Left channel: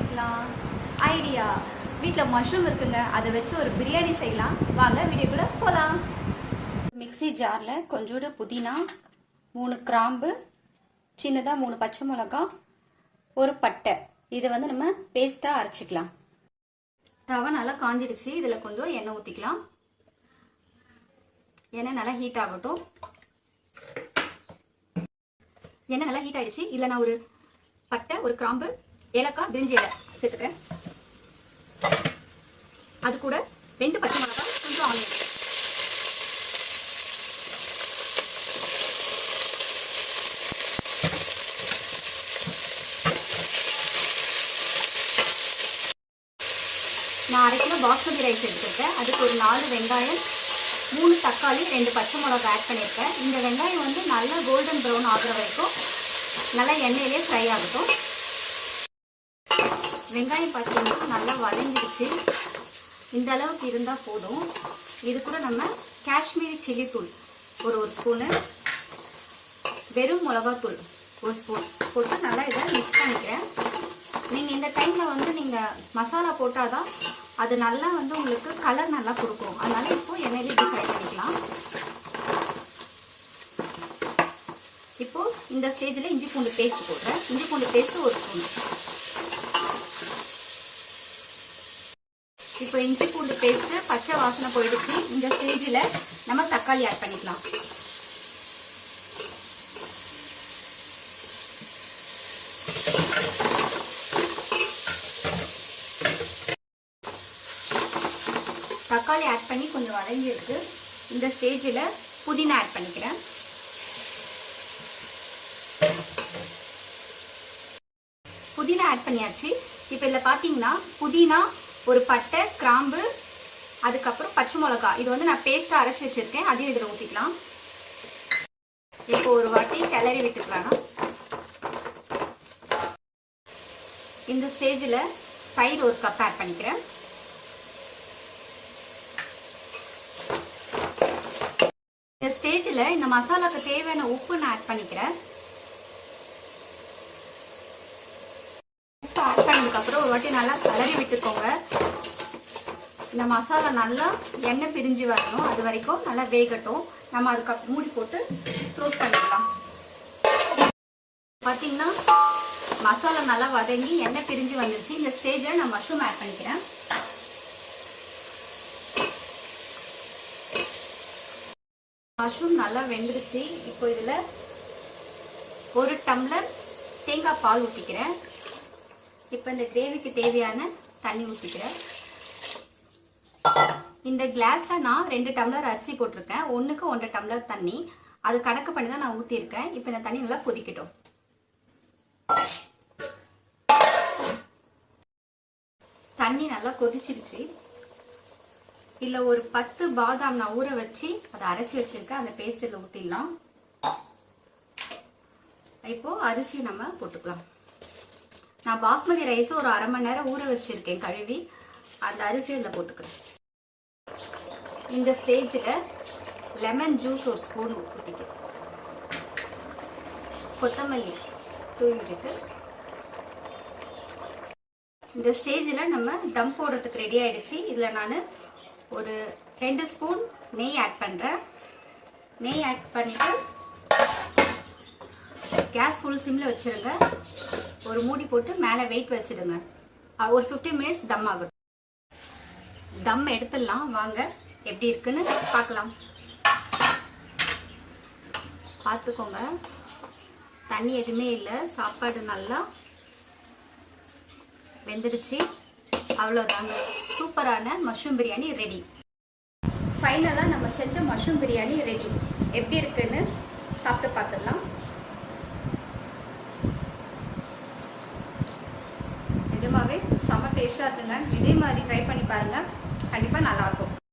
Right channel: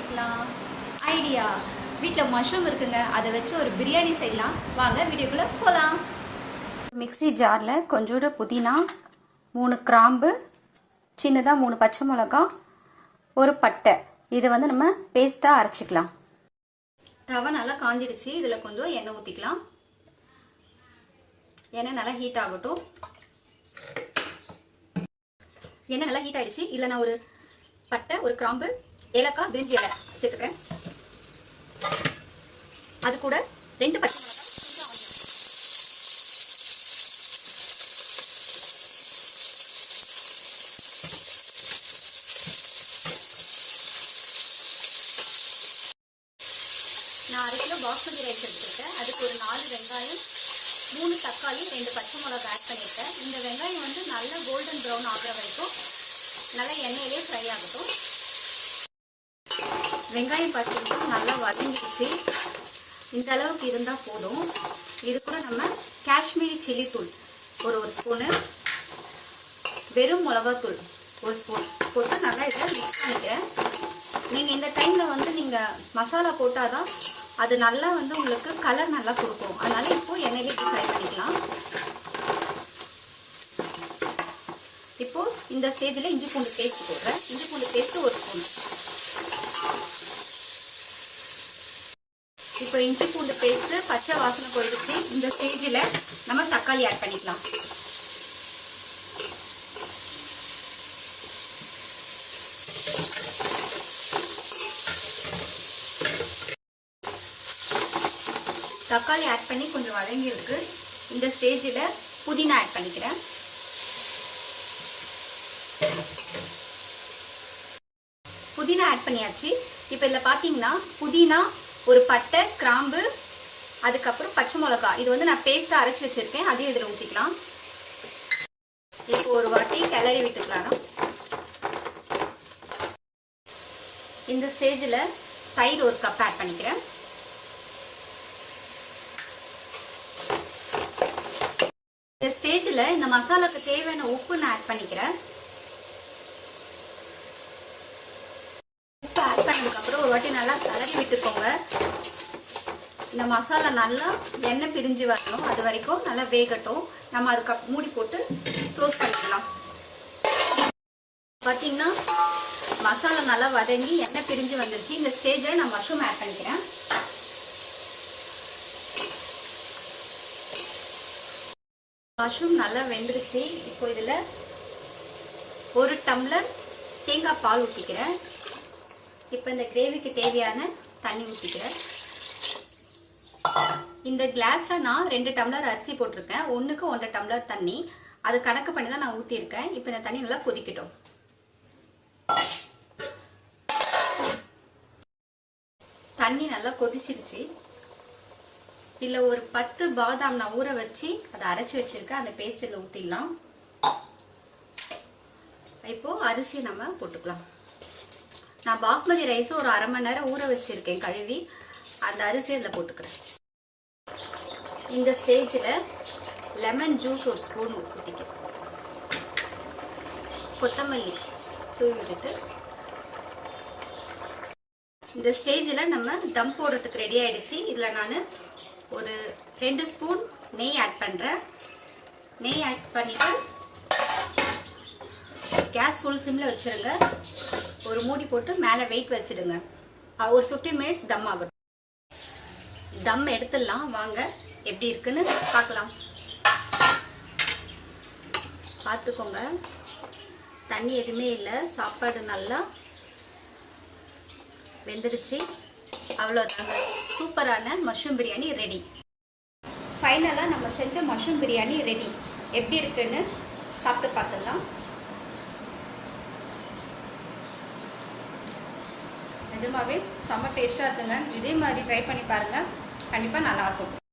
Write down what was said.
சமைக்கலாம்? ஐடியா, வீட்டில் மஷ்ரூம் இருக்குங்க, அதை வச்சு ஒரு பிரியாணி செய்யலாம். வாங்க வீடியோக்குள்ளே போகலாம். மிக்ஸி ஜாரில் கொஞ்சோண்டு புதினா, 3 கிராம்பு, சின்னதாக 3 பச்சை மிளகா, ஒரு பட்டை, இதை வந்து நம்ம பேஸ்ட்டாக அரைச்சிக்கலாம். தவை நல்லா காஞ்சிடுச்சு. இதில் கொஞ்சம் எண்ணெய் ஊற்றிக்கலாம். எண்ணெய் நல்லா ஹீட் ஆகட்டும். எண்ணெய் நல்லா ஹீட் ஆகிடுச்சு. இதில் நான் ஒரு பட்டை, ஒரு கிராம்பு, ஏலக்காய், பிரிஞ்சி இலை சேர்த்துக்கிறேன். அது கூட 2 பச்சை மிளகாய், கொஞ்சம் ஆனியன். நான் 1/2 கிலோ பாஸ்மதி ரைஸ் எடுத்துருக்கேன். அதுக்கு ஒரு 4 வெங்காயம், 3 தக்காளி, 2 பச்சை மிளகாய் ஆட் பண்ணியிருக்கேன். இந்த வெங்காயம் வந்து நல்லா கோல்டன் ப்ரௌன் ஆகிற வரைக்கும் நல்லா எண்ணெயிலே ஃப்ரை ஆகட்டும். வெங்காயம் பார்த்தீங்கன்னா நல்லா வதங்கிடுச்சு. இந்த அளவுக்கு இருந்தால் போதும். இது கூட நம்ம காஷ்மீரி சில்லி தூள் ஒரு ஸ்பூனு, வெறும் மிளகாத்தூள் 1 ஸ்பூன் போட்டு நல்லா இதை மிக்ஸ் பண்ணிட்டேன். நீங்கள் இந்த டைமில் வந்து நீங்கள் மசாலா போட்டால் தான் அது நல்லா வந்து உங்களுக்கு கலர் நல்லா கொடுக்கும். அதனால் இப்போது எண்ணெயிலே இப்படி ஃப்ரை பண்ணிக்கலாம். இப்போது இந்த ஸ்டேஜில் இஞ்சி பூண்டு பேஸ்ட் போடுறேன். இஞ்சி பூண்டு பேஸ்ட்டு 1 ஸ்பூன். இப்போ இஞ்சி பூண்டு பேஸ்ட்டு பச்சை வாசனை போயிடுச்சு. இந்த ஸ்டேஜில் நம்ம தக்காளி ஆட் பண்ணிக்கலாம். தக்காளி ஆட் பண்ணி கொஞ்சம் வதங்கியிருக்கு. இந்த ஸ்டேஜில் புதினா ஆட் பண்ணிக்கிறேன். புதினா ஆட் பண்ணியாச்சு. இப்போ இதில் பார்த்தீங்கன்னா புதினா, ஒரு பட்டை, கிராம்பு, அதுக்கப்புறம் பச்சை மிளகா, இது வந்து நான் பேஸ்ட்டாக அரைச்சி வச்சுருக்கேன். அதையும் இதில் ஊற்றிக்கலாம். இப்போ ஒரு வாட்டி கிளறி விட்டுக்கலாம். இந்த ஸ்டேஜில் தயிர் 1 கப் ஆட் பண்ணிக்கிறேன். இந்த ஸ்டேஜில் இந்த மசாலாவுக்கு தேவையான உப்பு நான் ஆட் பண்ணிக்கிறேன். உப்பு ஆட் பண்ணதுக்கப்புறம் ஒரு வாட்டி நல்லா கிளறி விட்டுக்கோங்க. இந்த மசாலா நல்லா எண்ணெய் பிரிஞ்சு வரணும். அது வரைக்கும் நல்லா வேகட்டும். நம்ம அதுக்கு மூடி போட்டு க்ளோஸ் பண்ணிக்கலாம். பார்த்தீங்கன்னா மசாலா நல்லா வதங்கி எண்ணெய் பிரிஞ்சு வந்துருச்சு. இந்த ஸ்டேஜில் நான் மஷ்ரூம் ஆட் பண்ணிக்கிறேன். மஷ்ரூம் நல்லா வெந்துருச்சு. இப்போ இதில் 1 டம்ளர் தேங்காய் பால் ஊற்றிக்கிறேன். இப்போ இந்த கிரேவிக்கு தேவையான தண்ணி ஊற்றிக்கிறேன். இந்த கிளாஸில் நான் 2 டம்ளர் அரிசி போட்டிருக்கேன். 1க்கு 1.5 டம்ளர் தண்ணி. அது கணக்கு பண்ணி தான் நான் ஊற்றிருக்கேன். இப்போ இந்த தண்ணி நல்லா கொதிக்கட்டும். தண்ணி நல்லா கொதிச்சிடுச்சு. இதில் ஒரு 10 பாதாம் நான் ஊற வச்சு அதை அரைச்சி வச்சுருக்கேன். அந்த பேஸ்ட் இதில் ஊற்றிடலாம். இப்போது அரிசி நம்ம போட்டுக்கலாம். நான் பாஸ்மதி ரைஸ் ஒரு 1/2 மணி நேரம் ஊற வச்சுருக்கேன் கழுவி. அந்த அரிசி அதில் போட்டுக்கிறேன். இந்த ஸ்டேஜில் லெமன் ஜூஸ் 1 ஸ்பூன் ஊற்றிக்கிறேன். கொத்தமல்லி தூவி விட்டுட்டு இந்த ஸ்டேஜில் நம்ம தம் போடுறதுக்கு ரெடி ஆகிடுச்சு. இதில் நான் ஒரு 2 ஸ்பூன் நெய் ஆட் பண்ணுறேன். நெய் ஆட் பண்ணிவிட்டு கேஸ் ஃபுல் சிம்மில் வச்சுருங்க. ஒரு மூடி போட்டு மேலே வெயிட் வச்சுடுங்க. ஒரு 15 மினிட்ஸ் தம் ஆகட்டும். தம் எடுத்துடலாம். வாங்க எப்படி இருக்குன்னு பார்க்கலாம். பார்த்துக்கோங்க, தண்ணி எதுவுமே இல்லை. சாப்பாடு நல்லா வெந்துடுச்சு. அவ்வளோதாங்க, சூப்பரான மஷ்ரூம் பிரியாணி ரெடி. ஃபைனலாக நம்ம செஞ்ச மஷ்ரூம் பிரியாணி ரெடி. எப்படி இருக்குன்னு சாப்பிட்டு பார்த்துடலாம். நிஜமாவே செம்ம டேஸ்ட்டாக இருக்குங்க. இதே மாதிரி ட்ரை பண்ணி பாருங்கள். கண்டிப்பாக நல்லாயிருக்கும்.